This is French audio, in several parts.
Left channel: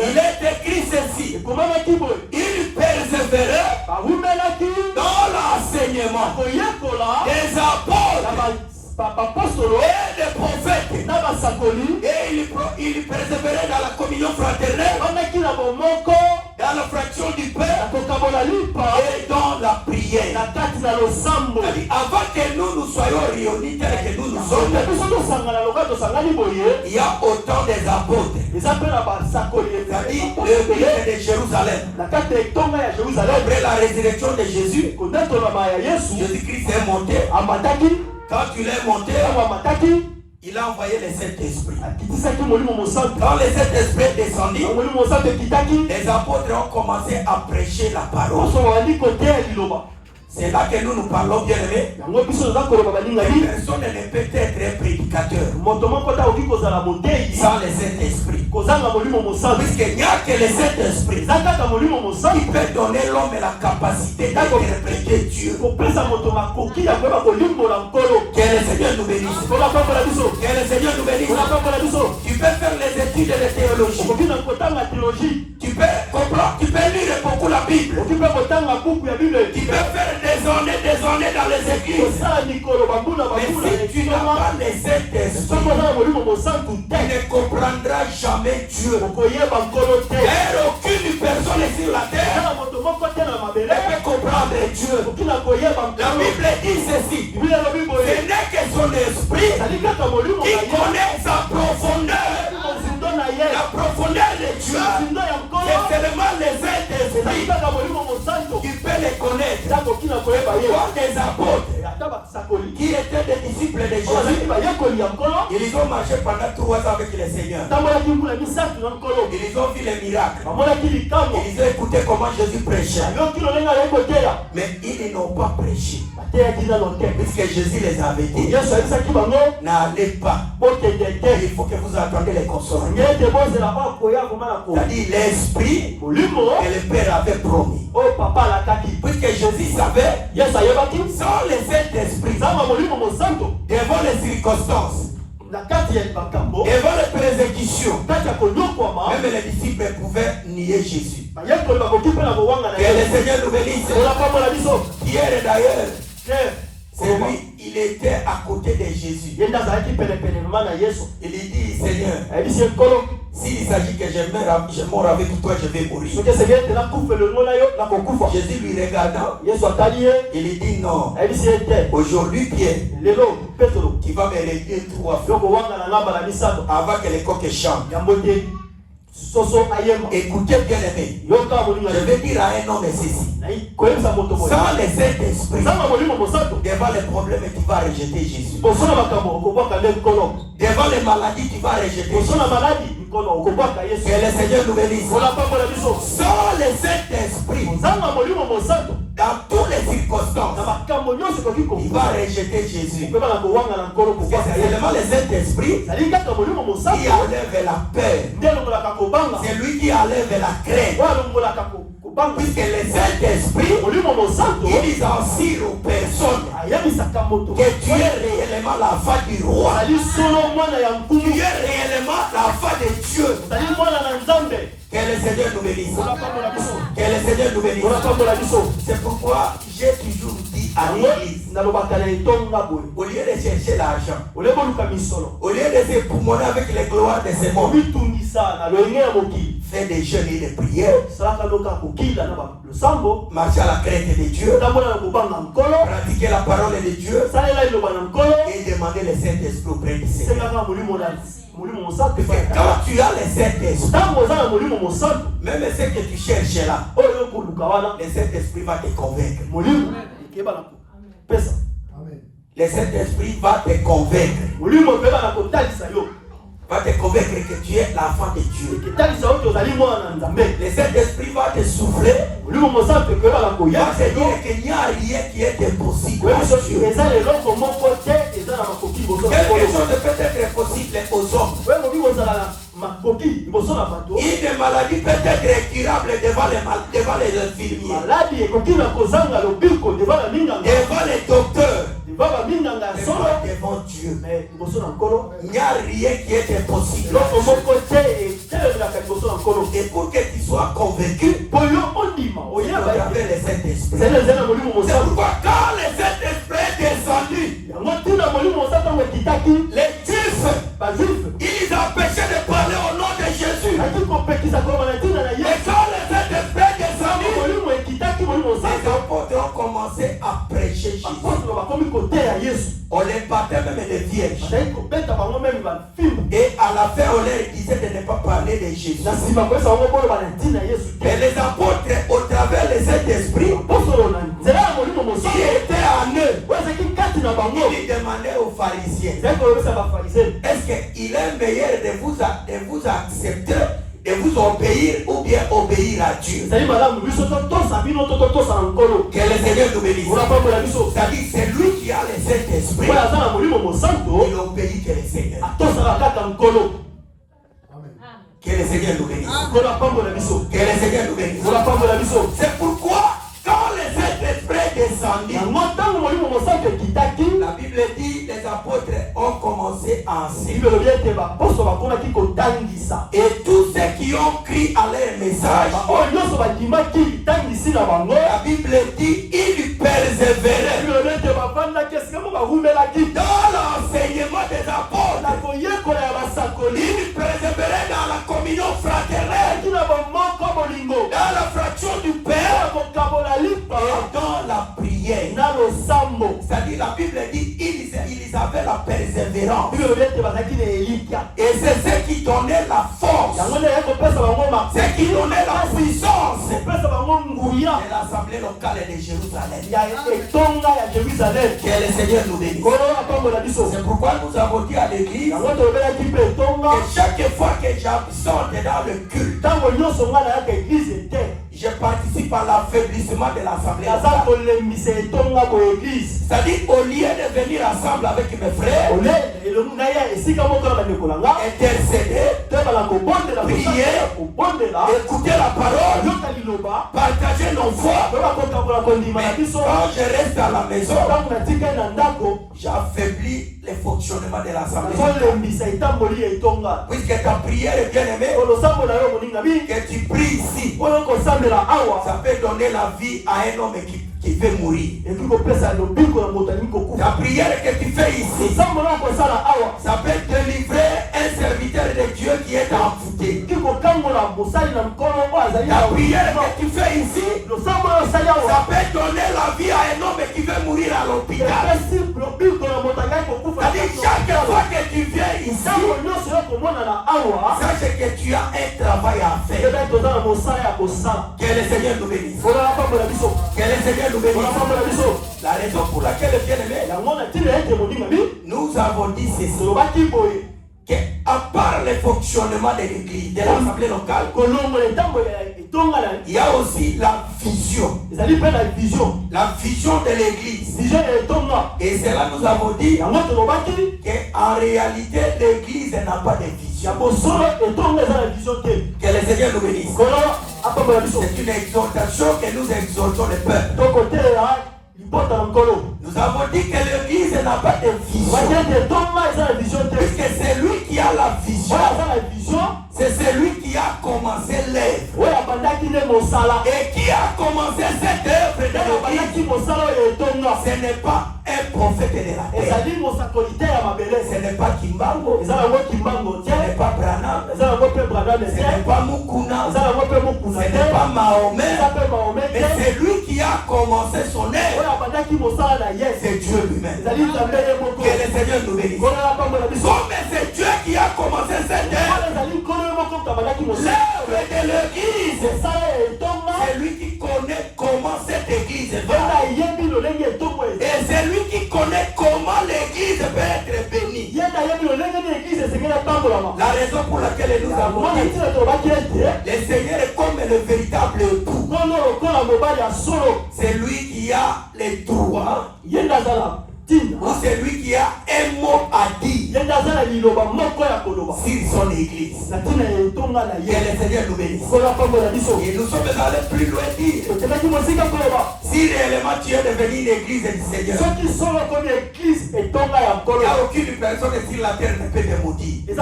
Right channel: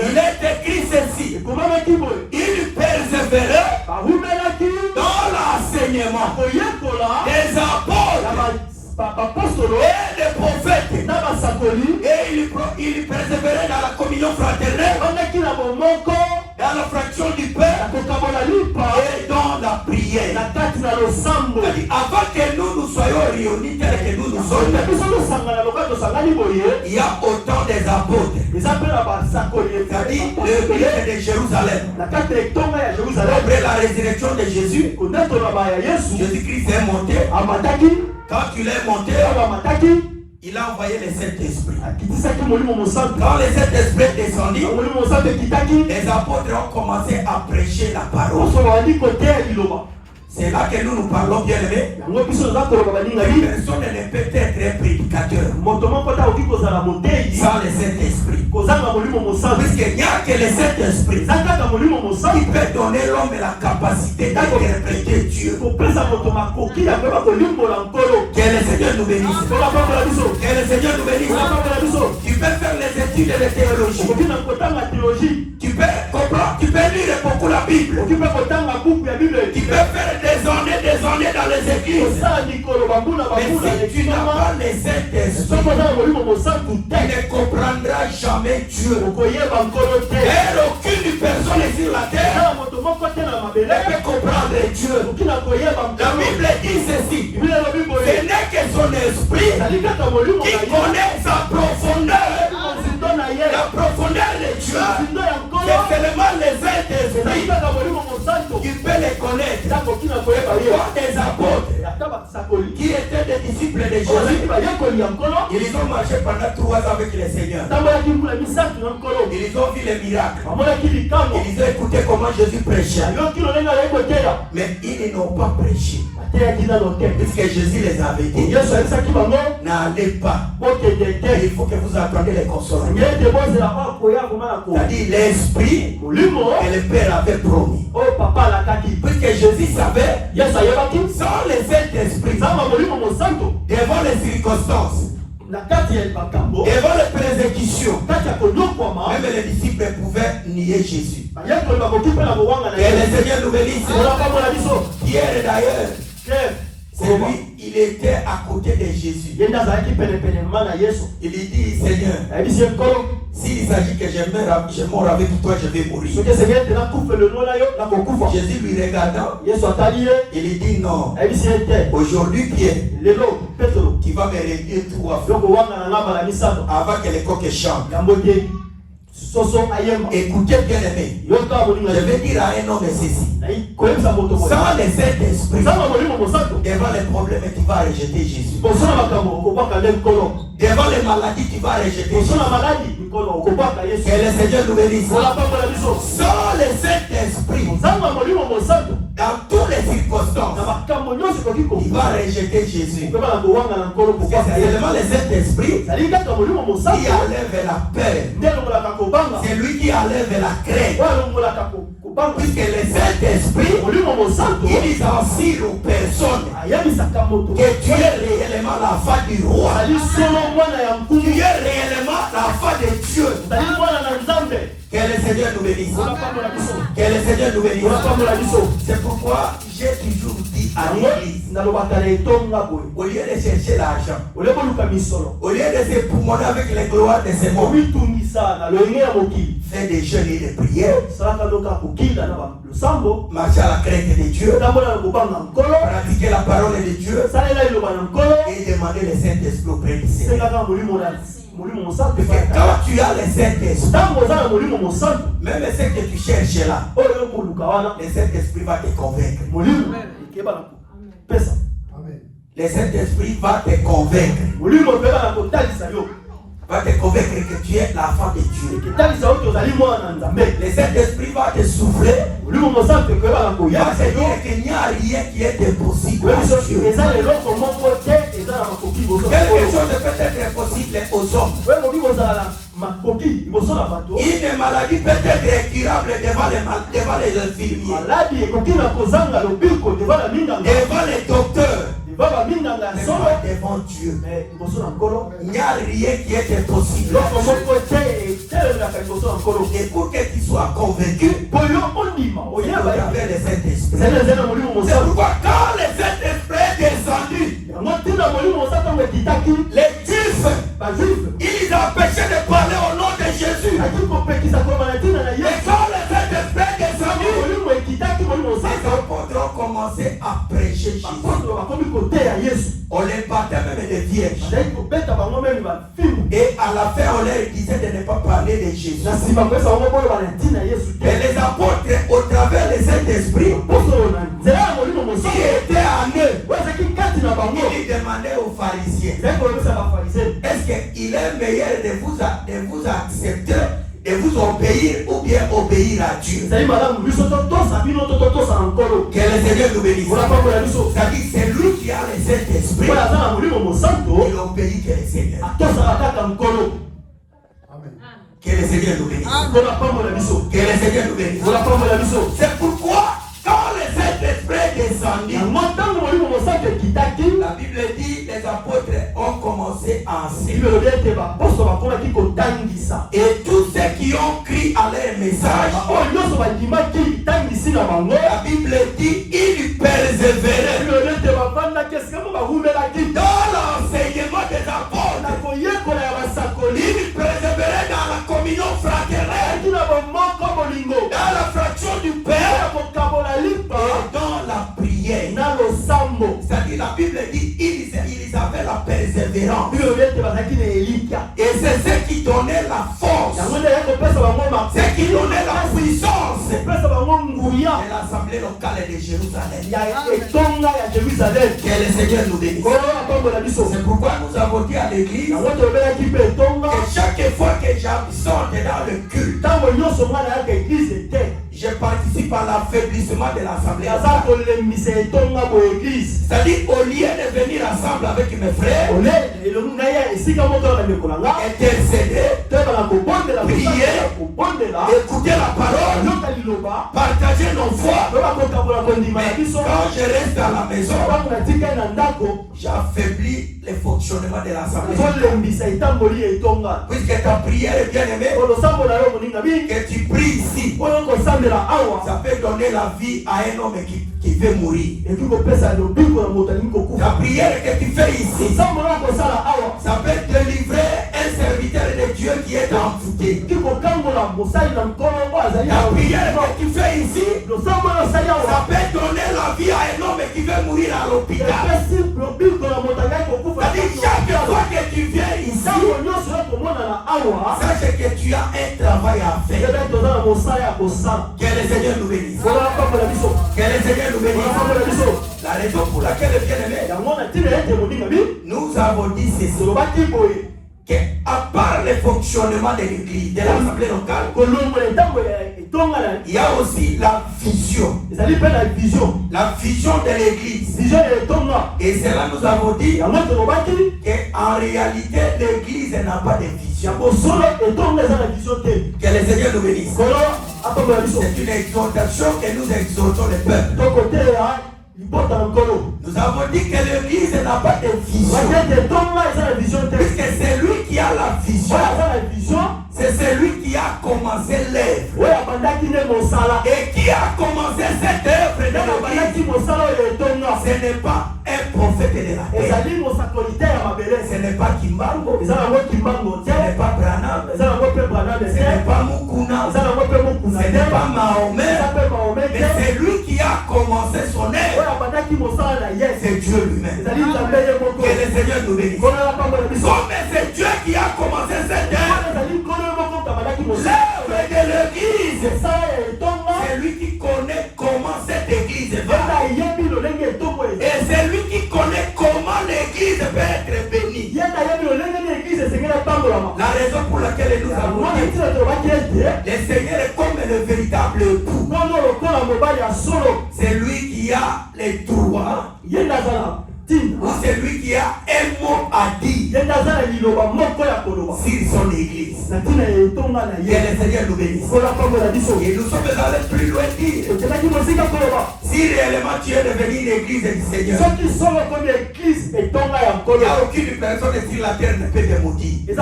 Il est écrit ceci. Il persévérait dans l'enseignement des apôtres et des prophètes. Et il persévérait dans la communion fraternelle, dans la fraction du Père et dans la prière. Avant que nous soyons réunis tels que nous sommes, il y a autant des apôtres. C'est-à-dire le grec de Jérusalem. Après la résurrection de Jésus, Jésus-Christ est monté. Quand il est monté, il a envoyé les sept esprits. Quand les sept esprits sont descendus, les apôtres ont commencé à prêcher la parole. C'est là que nous parlons, bien aimés. Personne ne peut être un prédicateur sans les sept esprits. Puisqu'il n'y a que les sept esprits qui peuvent donner l'homme la capacité d'interpréter Dieu. Que le Seigneur nous bénisse. Que le Seigneur nous bénisse. Tu peux faire les études de théologie. Tu peux comprendre, tu peux lire beaucoup la Bible. Tu peux faire des années dans les églises. Mais si tu n'as pas les Saint-Esprit, tu ne comprendras jamais Dieu. Car aucune personne sur la terre ne peut comprendre Dieu. La Bible dit ceci. Ce n'est que son esprit qui connaît sa profondeur. La profondeur de Dieu, c'est seulement les Saint-Esprit qui peut les connaître. Pourquoi des apôtres qui étaient des disciples de Jésus, ils ont marché pendant 3 ans avec le Seigneur. Ils ont vu les miracles. Ils ont écouté comment Jésus prêchait. Mais ils n'ont pas prêché. Puisque Jésus les avait dit, n'allez pas. Il faut que vous attendiez les consolants. C'est-à-dire l'esprit que le Père avait promis. Puisque Jésus savait, sans les Saint-Esprit, devant les circonstances, devant les persécutions, même les disciples pouvaient nier Jésus. Que le Seigneur nous bénisse. Pierre d'ailleurs, c'est lui, il était à côté de Jésus. Il dit, Seigneur, s'il s'agit que je meurs avec toi, je vais mourir. Jésus lui regardant, il dit non. Aujourd'hui, Pierre, tu vas me réduire 3 fois avant que les coqs chantent. Écoutez bien aimé, je vais dire à un homme ceci. Sans les Saint-Esprit, devant les problèmes, tu vas rejeter Jésus. Devant les maladies, tu vas rejeter Jésus. Que le Seigneur nous bénisse. Sans les Saint-Esprit, dans toutes les circonstances, il va rejeter Jésus. C'est seulement les Saint-Esprit qui enlève la peur. C'est lui qui enlève la crainte. Puisque les Saint-Esprit, il dit ainsi aux personnes que tu es réellement la foi du roi. Tu es réellement la foi de Dieu. Que le Seigneur nous bénisse. Que le Seigneur nous bénisse. C'est pourquoi j'ai toujours dit à l'église, au lieu de chercher l'argent, au lieu de se poumoner avec les gloires de ce monde, fais des jeûnes et des prières, marcher à la crainte de Dieu, pratiquer la parole de Dieu et demander le Saint-Esprit auprès du Seigneur. Quand tu as les Saint-Esprit, même ce que tu cherches là, le Saint-Esprit va te convaincre. Le Saint-Esprit va te convaincre. Va te convaincre que tu es l'enfant de Dieu. Le Saint-Esprit va te souffler. Va te dire qu'il n'y a rien qui est impossible. Quelque chose peut être possible aux hommes. Une maladie peut être incurable devant les infirmiers, devant les docteurs. devant Dieu. Il n'y a rien qui est impossible. Et pour que tu sois convaincu, il faut avoir le Saint-Esprit. C'est pourquoi quand le Saint-Esprit est descendu, les Juifs, ils ont empêché de parler au nom de Jésus. Et quand le Saint-Esprit est descendu, les apôtres ont commencé à prêcher Jésus. On les battait même des vierges. Et à la fin, on leur disait de ne pas parler de Jésus. Mais les apôtres, au travers des Saint-Esprit, qui étaient en eux, ils demandaient aux pharisiens, est-ce qu'il est meilleur de vous accepter, de vous obéir ou bien obéir à Dieu? Que le Seigneur nous bénisse. C'est-à-dire, c'est lui qui a le Saint-Esprit. Il obéit que le Seigneur. Que le Seigneur nous bénisse. Que le Seigneur nous bénisse. C'est pourquoi, quand le Saint-Esprit est descendu, la Bible dit les apôtres ont commencé à enseigner. Et tous ceux qui ont crié à leur message, la Bible dit ils persévéraient dans l'enseignement des apôtres. Ils persévéraient dans la communion fraternelle, dans la fraction du Père et dans la prière. C'est-à-dire la Bible dit ils avaient la persévérance. Et c'est ce qui donnait la force. C'est ce qui donnait la puissance. Et l'assemblée locale de Jérusalem. Que le Seigneur nous bénisse. C'est pourquoi nous avons dit à l'église que chaque fois que j'absorbe dans le culte, je participe à l'affaiblissement de l'assemblée. C'est-à-dire, au lieu de venir ensemble avec mes frères, intercéder, prier, écouter la parole, partager nos foi. Mais quand je reste à la maison, j'affaiblis le fonctionnement de l'assemblée. Puisque ta prière est bien aimée, que tu pries ici, ça peut donner la vie à un homme qui veut mourir. La prière que tu fais ici, ça peut délivrer un serviteur de Dieu qui est amputé. La prière que tu fais ici, ça peut donner la vie à un homme qui veut mourir à l'hôpital. C'est-à-dire, chaque fois que tu viens ici, sache que tu as un travail à faire. Que le Seigneur nous bénisse. Que le Seigneur nous bénisse. La raison pour laquelle, bien aimé, nous avons dit ceci, qu'à part le fonctionnement de l'église, de l'assemblée locale, il y a aussi la vision. La vision de l'église. Et cela nous avons dit qu'en réalité, l'église n'a pas de vision. Que le Seigneur nous bénisse. C'est une exhortation que nous exhortons le peuple. Nous avons dit que l'église n'a pas de vision. Puisque c'est lui qui a la vision. C'est celui qui a commencé l'œuvre. Et qui a commencé cette œuvre de l'église. Ce n'est pas un prophète de la terre. Ce n'est pas Kimbango. Ce n'est pas Branham. Ce n'est pas Mukuna. Ce n'est pas Mahomet. Mais c'est lui qui a commencé son œuvre. C'est Dieu lui-même. Que le Seigneur nous bénisse. Comme c'est Dieu qui a commencé cette œuvre, l'œuvre de l'église, c'est lui qui connaît comment cette église va. Et c'est lui qui connaît comment l'église peut être bénie. La raison pour laquelle nous avons dit, le Seigneur est comme le véritable époux. C'est lui qui a les droits. C'est lui qui a un mot à dire sur son église. Que le Seigneur nous bénisse. Et nous sommes allés plus loin dire. Si réellement tu es devenu une église du Seigneur, il n'y a aucune personne sur la terre ne peut te maudire. Que le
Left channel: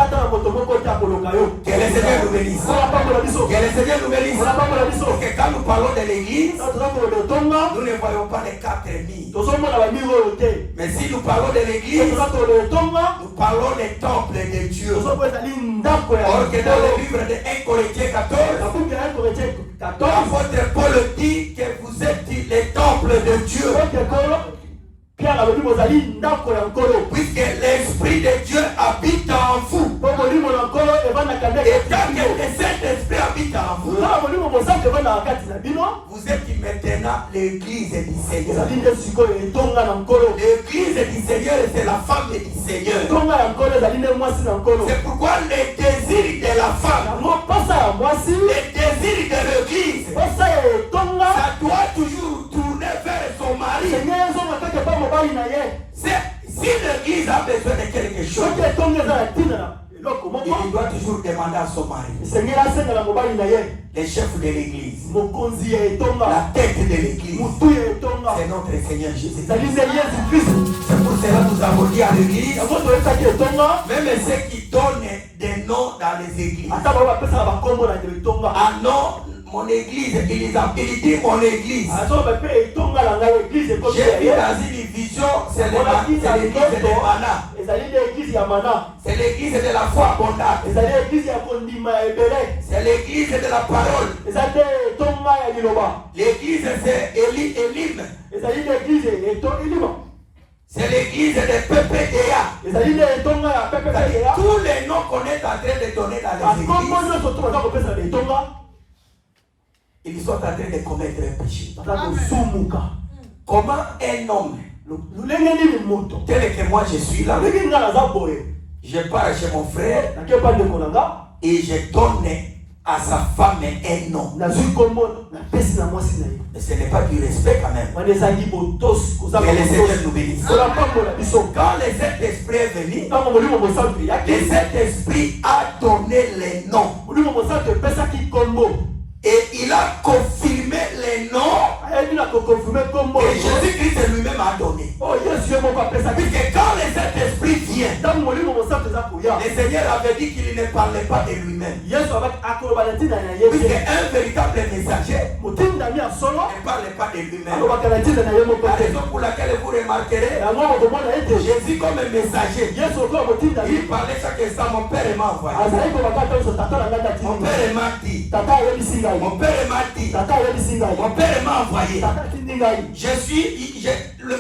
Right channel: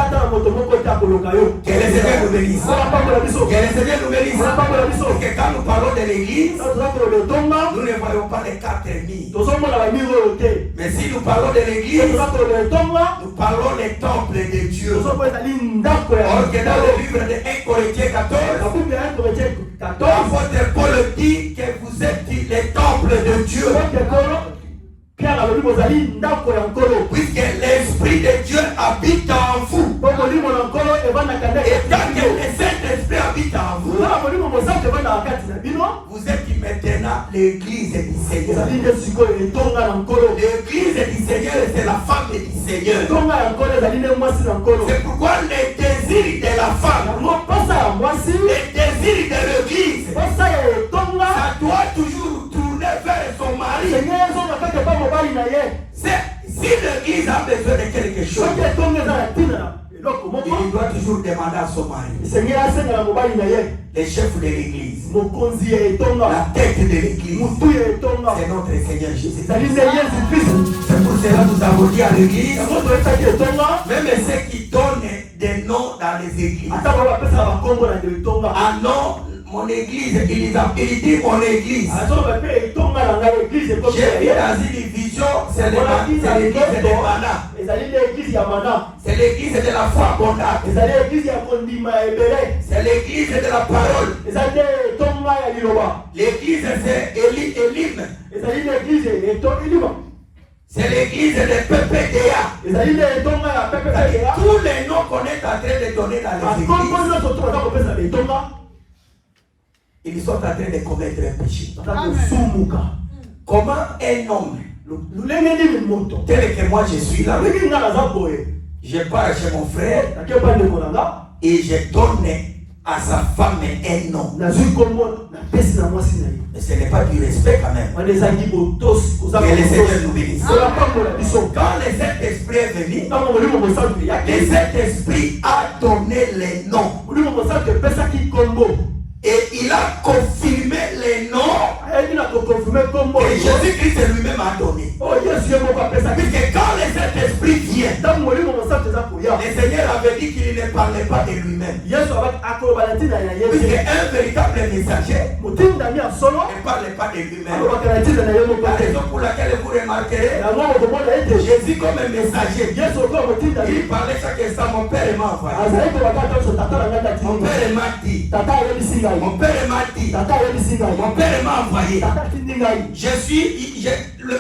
Seigneur nous bénisse. Que le Seigneur nous bénisse. Parce que quand nous parlons de l'église, nous ne voyons pas les 4000. Mais si nous parlons de l'église, nous parlons des temples de Dieu. Or que dans le livre de 1 Corinthiens 14, l'apôtre Paul dit que vous êtes les temples de Dieu. Puisque l'Esprit de Dieu habite en vous. Et quand le Saint-Esprit habite en vous, vous êtes maintenant l'église du Seigneur. L'église du Seigneur, c'est la femme du Seigneur. C'est pourquoi les désirs de la femme, les désirs de l'église, ça doit toujours tourner vers son mari. Si l'église a besoin de quelque chose, il doit toujours demander à son mari. Les chefs de l'église, la tête de l'église, c'est notre Seigneur Jésus. C'est pour cela que nous avons dit à l'église, même ceux qui donnent des noms dans les églises. Ah non, mon église, il dit mon église. J'ai vu dans une vision, c'est l'église de Mana. C'est l'église de la foi abondante. C'est l'église de la parole. L'église c'est Elim. C'est l'église de PPDA. Tous les noms qu'on est en train de donner dans les églises, ils sont en train de commettre un péché. Comment un homme, tel que moi je suis là, je pars chez mon frère et je donne à sa femme un nom. Mais ce n'est pas du respect quand même. Que le Seigneur nous bénisse. Quand le Saint-Esprit est venu, le Saint-Esprit a donné les noms. Et il a confirmé les noms que Jésus-Christ lui-même a donné. Puisque quand le Saint-Esprit vient, le Seigneur avait dit qu'il ne parlait pas de lui-même. Puisque un véritable messager ne parlait pas de lui-même. La raison pour laquelle vous remarquerez Jésus comme un messager, il parlait chaque instant. Mon père m'a envoyé. Mon père m'a dit. Mon père m'a dit. Mon père m'a envoyé.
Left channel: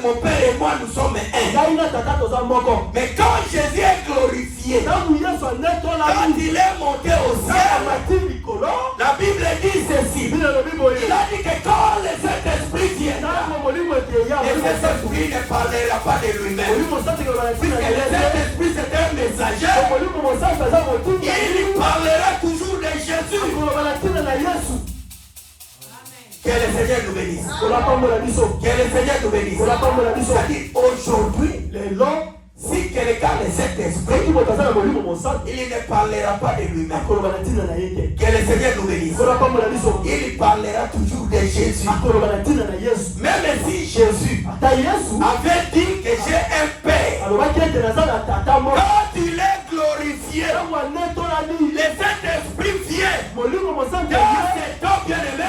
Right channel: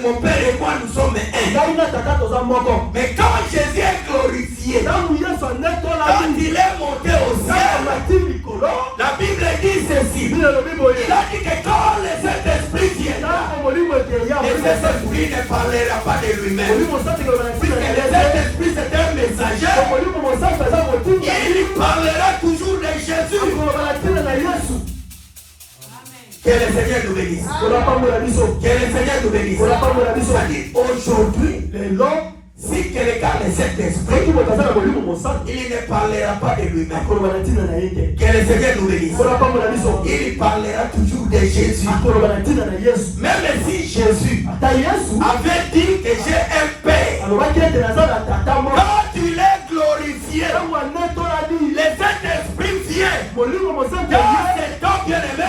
Mon père et moi nous sommes un. Mais quand Jésus est glorifié, quand il est monté au ciel, la Bible dit ceci. Il a dit que quand le Saint-Esprit viendra, le Saint-Esprit ne parlera pas de lui-même. Puisque le Saint-Esprit c'est un messager, il parlera toujours de Jésus. Que le Seigneur nous bénisse. Que le Seigneur nous bénisse. C'est-à-dire aujourd'hui, si quelqu'un a le Saint-Esprit, il ne parlera pas de lui-même. Que le Seigneur nous bénisse. Il parlera toujours de Jésus. Même si Jésus avait dit que j'ai un Père, quand tu l'es glorifié, le Saint-Esprit vient. Dans cet homme bien-aimé,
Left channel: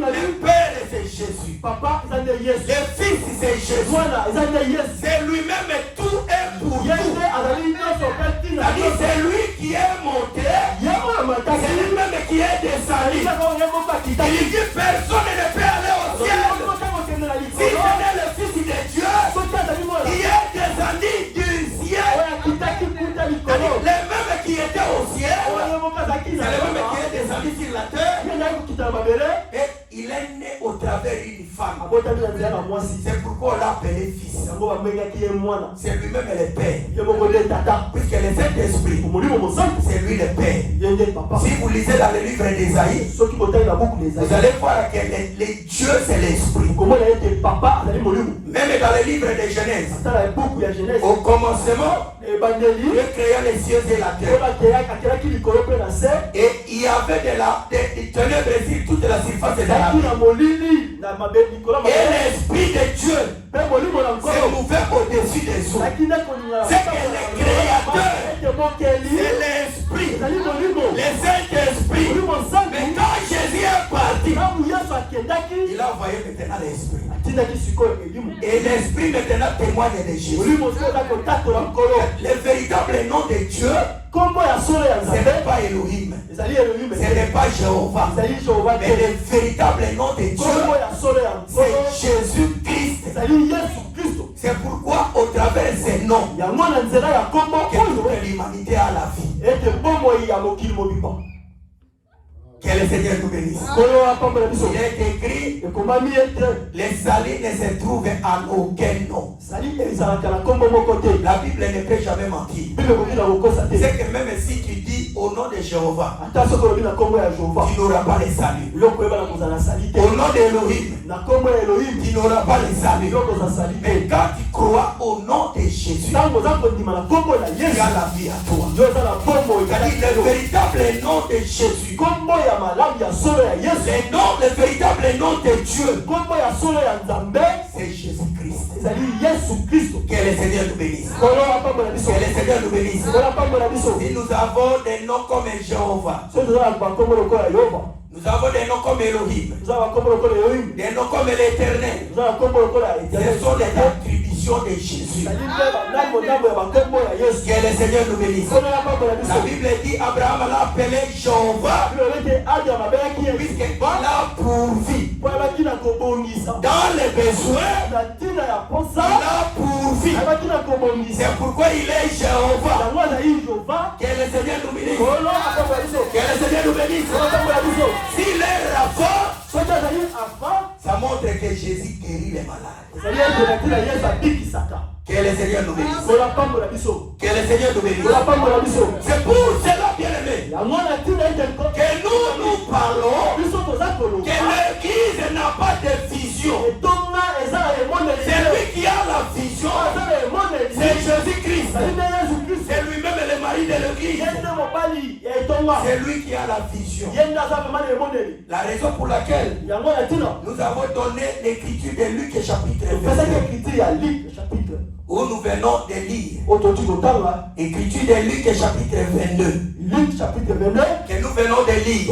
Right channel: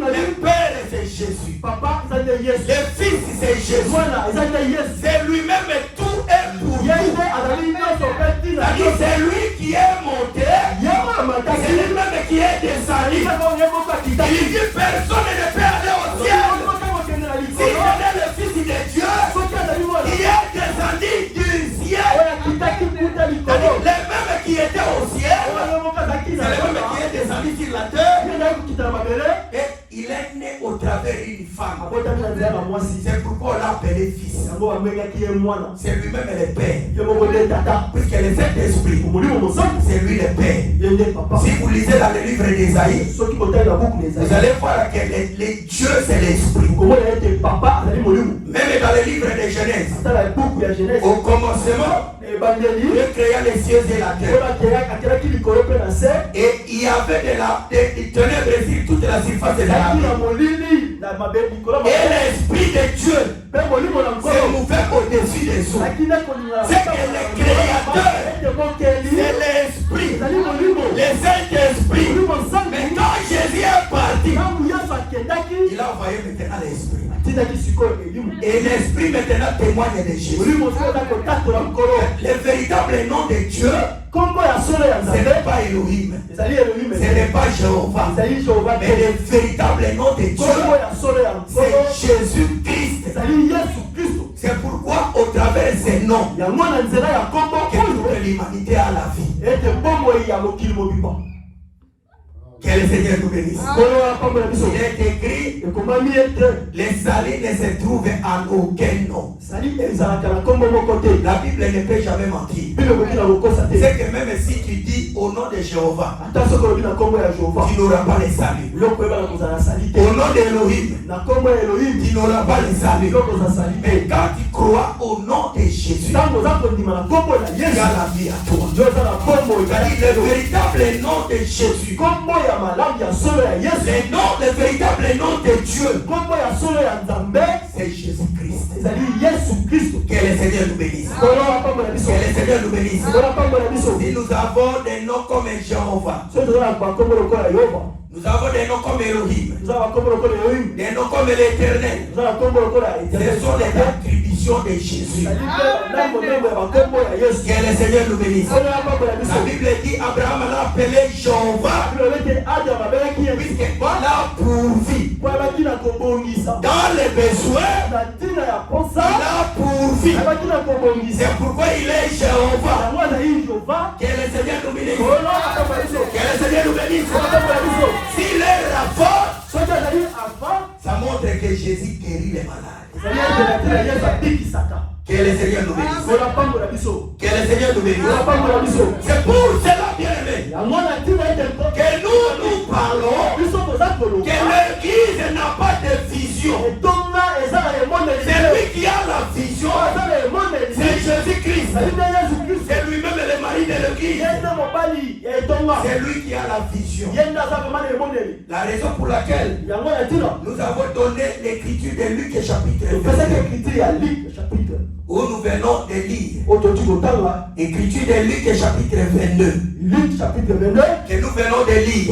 le Père c'est Jésus. Le Fils c'est Jésus. C'est lui-même tout est pour nous. C'est-à-dire c'est lui qui est monté. C'est lui-même qui est descendu. Il dit personne ne peut aller au ciel. Si je n'ai le Fils de Dieu qui est descendu du ciel, c'est-à-dire les mêmes qui étaient au ciel, c'est les mêmes qui est descendu sur la terre. Et il est né au travers d'une femme. C'est pourquoi on l'a appelé fils. C'est lui-même le Père. Puisque le Saint-Esprit, c'est lui le Père. Si vous lisez dans le livre d'Ésaïe, vous allez voir que le Dieu c'est l'Esprit. Même dans le livre de Genèse, au commencement, Dieu créa les cieux et la terre. Et il y avait des ténèbres sur toute la surface de la terre. Et l'Esprit de Dieu s'est mouvait au-dessus des eaux. C'est que le Créateur, c'est l'Esprit, le Saint-Esprit. Mais quand Jésus est parti, il a envoyé maintenant l'Esprit. Et l'Esprit maintenant témoigne de Jésus. Le véritable nom de Dieu, ce n'est pas Elohim, ce n'est pas Jéhovah, mais le véritable nom de Dieu, c'est Jésus-Christ. C'est pourquoi au travers de ces noms que toute l'humanité a la vie. Que le Seigneur nous bénisse. Il est écrit, les salis ne se trouvent en aucun nom. La Bible ne peut jamais mentir. C'est que même si tu dis au nom de Jéhovah, tu n'auras pas le salut. Au nom d'Elohim, tu n'auras pas le salut. Mais quand tu crois au nom de Jésus, tu as la vie à toi. C'est le véritable nom de Jésus. Le véritable nom de Dieu, c'est Jésus-Christ. Que le Seigneur nous bénisse. Que le Seigneur nous bénisse. Si nous avons des noms comme Jéhovah, nous avons des noms comme Elohim, des noms comme l'Éternel, ce sont des attributions de Jésus. Que le Seigneur nous bénisse. La Bible dit Abraham l'a appelé Jéhovah, puisqu'il a pourvu dans les besoins, il a pourvu. C'est pourquoi il est Jéhovah. Que le Seigneur nous bénisse. Que le Seigneur nous bénisse. S'il est Rapha, ça montre que Jésus guérit les malades. Que le Seigneur nous bénisse. Que le Seigneur nous bénisse. C'est pour cela, bien-aimé, que nous parlons que l'Église n'a pas de vision. C'est lui qui a la vision. C'est Jésus-Christ. C'est lui-même le mari de l'Église. C'est lui qui a la vision. La raison pour laquelle nous avons donné l'écriture de Luc chapitre 22. Où nous venons de lire. Écriture de Luc chapitre 22. Que nous venons de lire.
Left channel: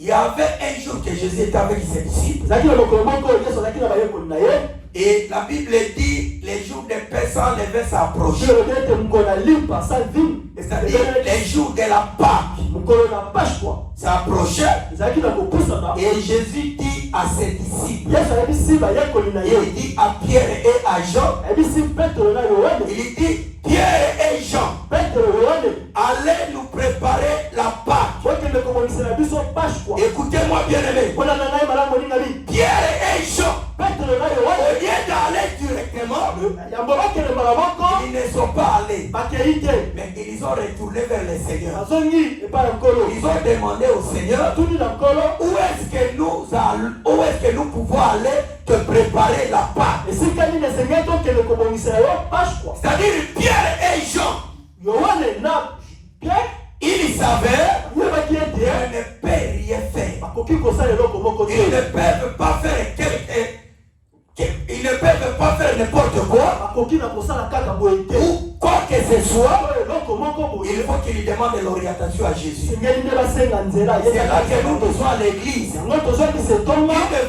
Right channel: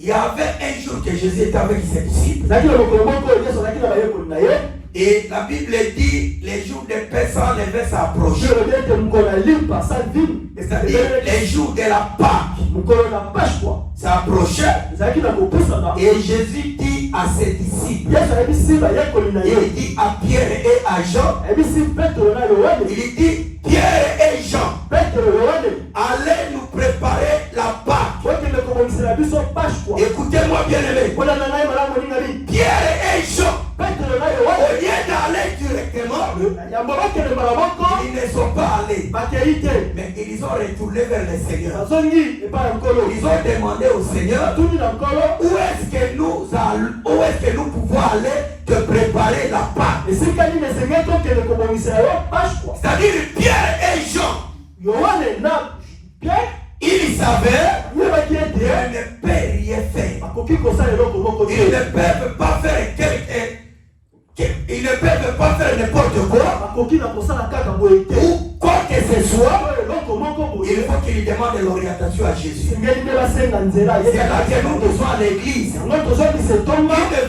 Il y avait un jour que Jésus était avec ses disciples. Et la Bible dit les jours de Pessah devaient s'approcher. C'est-à-dire les jours de la Pâque s'approchaient. Et Jésus dit à ses disciples, il dit à Pierre et à Jean, il dit Pierre et Jean, allez nous préparer la Pâque. Écoutez-moi bien aimé. Pierre et Jean, au lieu d'aller directement, ils ne sont pas allés, mais ils ont retourné vers le Seigneur. Ils ont demandé au Seigneur, où est-ce que nous pouvons aller te préparer la Pâque? C'est-à-dire Pierre et Jean, ils savaient qu'ils ne peuvent rien faire. Ils ne peuvent pas faire ils ne peuvent pas faire n'importe quoi. Ou quoi que ce soit, il faut qu'ils demandent l'orientation à Jésus. C'est là que nous devons à l'église. Une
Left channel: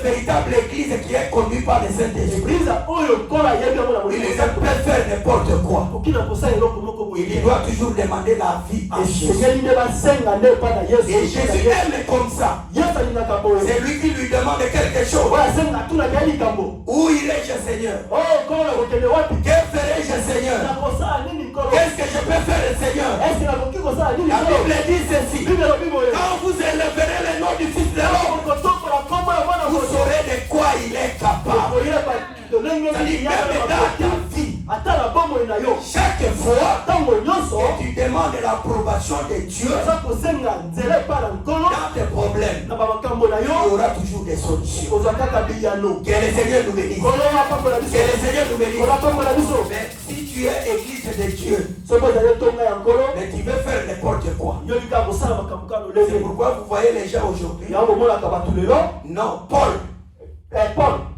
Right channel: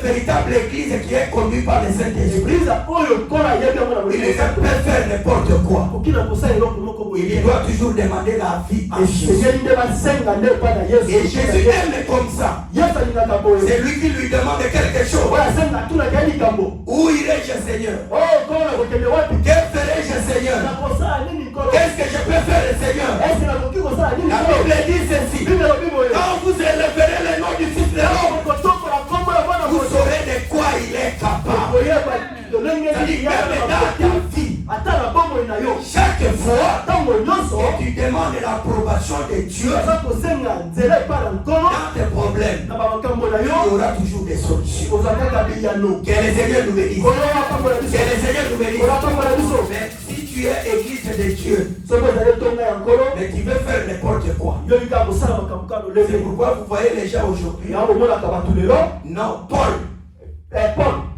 véritable église qui est conduite par le Saint-Esprit. Il ne peut faire n'importe quoi. Il doit toujours demander la vie à Jésus. Et Jésus aime comme ça. C'est lui qui lui demande quelque chose. Où irai-je, Seigneur? Que ferai-je, Seigneur? Qu'est-ce que je peux faire, Seigneur? La Bible dit ceci. Quand vous élèverez le nom du Fils de l'homme, vous saurez de quoi il est capable. C'est-à-dire, même dans ta vie, chaque fois que tu demandes l'approbation de Dieu dans tes problèmes, il y aura toujours des solutions. Que le Seigneur nous bénisse. Que le Seigneur nous bénisse. Mais si tu es église de Dieu, mais tu veux faire n'importe quoi. C'est pourquoi vous voyez les gens aujourd'hui. Non, Paul,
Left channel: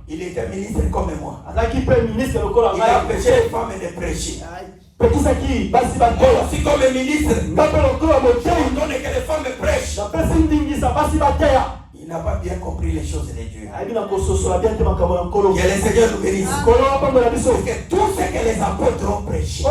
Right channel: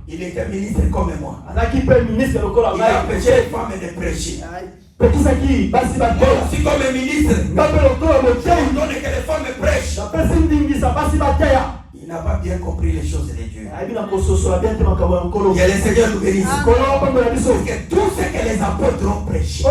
il était ministre comme moi. Il a empêché les femmes de prêcher. Aussi comme ministre, on donne que les femmes prêchent. Il n'a pas bien compris les choses de Dieu. Que le Seigneur nous bénisse. Que tout ce que les apôtres ont prêché,